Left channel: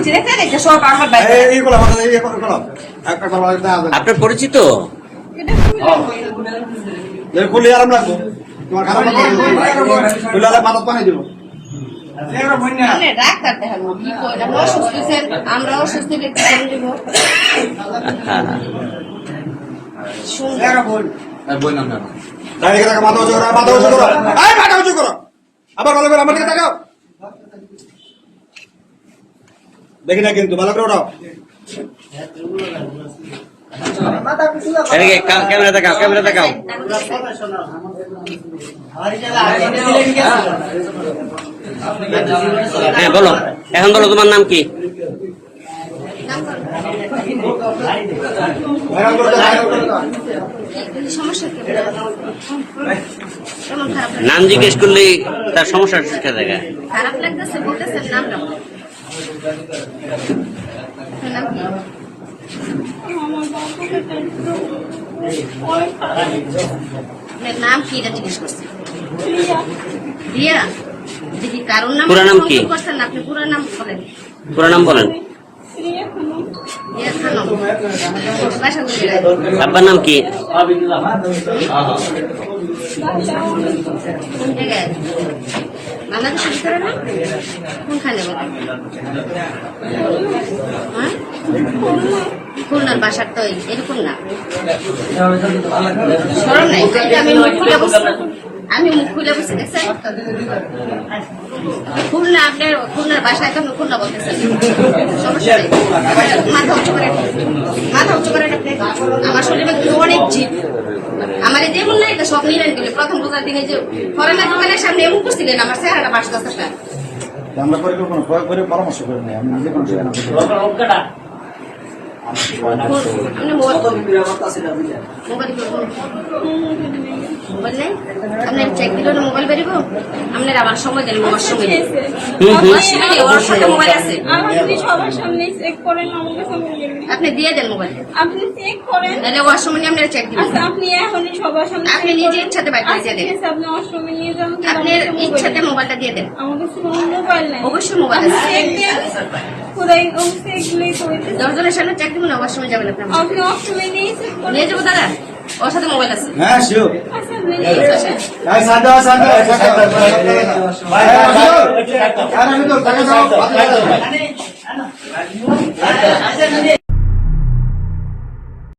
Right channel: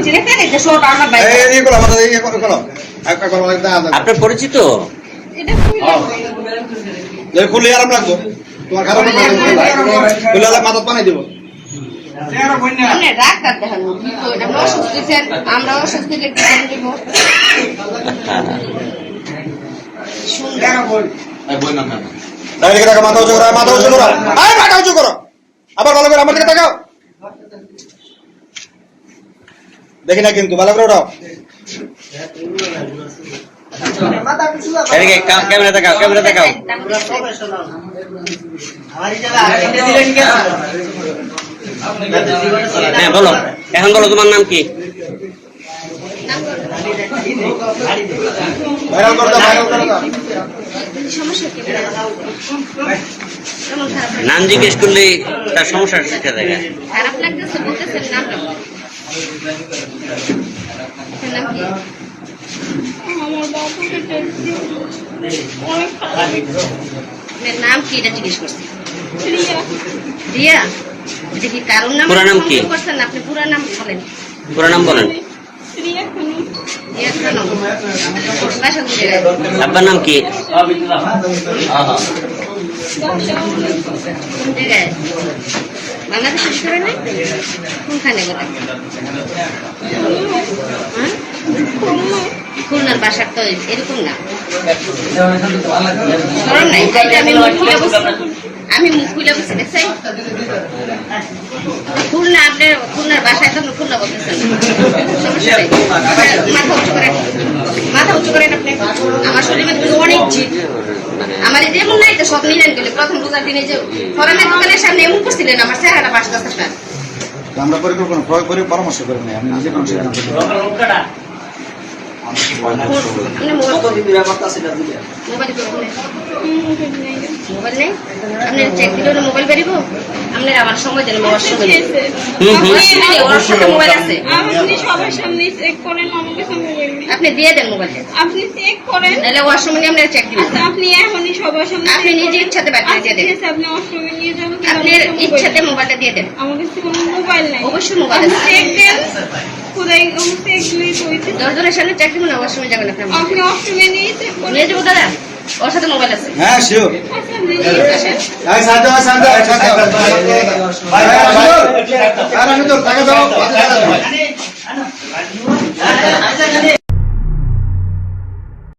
খুঁজে দেখতে দেখতে সব আমার বাইক আপনার পরিচিত? এটা খুলে আরাম লাগতো তোমার খারাপ খুলে মাথা পানি দিব ডাক্তার দেখানো কি করেন আমরা অসুস্থ ছিলেন আমরা অসুস্থ লিখতে দিব মাথা উঁচু করো মাথা উঁচু করো মাথা উঁচু করো আবার ভালো করে আমার দিকে তাকাও দেখি না কিন্তু ভালো করে ওঠাও ক্যামেরা দেখাও ক্যামেরা দেখাও। হ্যাঁ বলো, এখন বলো তোমার নাম কি? ভাইরাল করে দাও ভাইরাল করে দাও নাম জিজ্ঞেস করলে তার সমস্যা শিক্ষা দেখা। খারাপ লাগতেছে বলতেছেন নামটা নাম কি নাম কি এটা জিজ্ঞেস করছি রিয়া এটা কি কারণ নাম পুরো নাম কি করছেন আপনি পুরো নাম বলেন পুরো নাম বলেন রিয়া খানম বাসা কোথায় আব্বার নাম কি কোন জায়গায় বাংলাদেশের ভিতরে না কোনখানে বলেন হ্যাঁ খুলনার বাসার তো এরকম না স্মরণ নাই আমি মুখ খুলে বসি দেখছেন খুলনা আপনার খুলনার বাসায় তো খুলনা বলতেছেন সমস্যা নেই মাথা উঁচু করেন আপনি আমার শরীরে অনেক জিদ আমার এই যেমন নাই তো সব নিলেন গেলে প্রথম রোজার দিনে যে ফরেনের দোকানের সামনে এমন করছিলেন আমার চেহারাটা বাসতে আসতে আমরা পরিকল্পনা প্রয়োগ করে পরামর্শ করে নেই আমি নিজে কোনো সেখানে মোবাইল নেই আপনার চেক দিল মোবাইল বেরিব আপনার আবার সময় দেন মোবাইল সময় মোবাইল আছে সবার সামনে চেক করেন আমাকে সামনে আপনি দিয়ে দেন মোবাইল আপনি চেক করেন তাহলে ওয়াশরুমে আপনার চেক দিবেন আচ্ছা আপনি এখনই সবার সামনে আপনি নিজে ইচ্ছাতে বাইরে দিয়ে দেন আপনি ওয়াশরুমে নিয়ে যান আপনার ইচ্ছাতে মোবাইলটা দিয়ে দেন আমার কাছে কোনো মোবাইল নাই অবশ্যই মোবাইল আছে চেক দেন কোথায় চেক দিলেই কইতে 10 জনের সামনে চেক দিবেন ওয়াশরুমে যাবেন আপনি আপনি ওয়াশরুমে নিয়ে চেক করেন নিয়ে যাবো দাদা ওর সাথে মোবাইল আছে হ্যাঁ শিওর আচ্ছা আপনি নিয়ে আসেন ভাই সাদা সাদা ভাই ভাই আমি তো টাকা দাও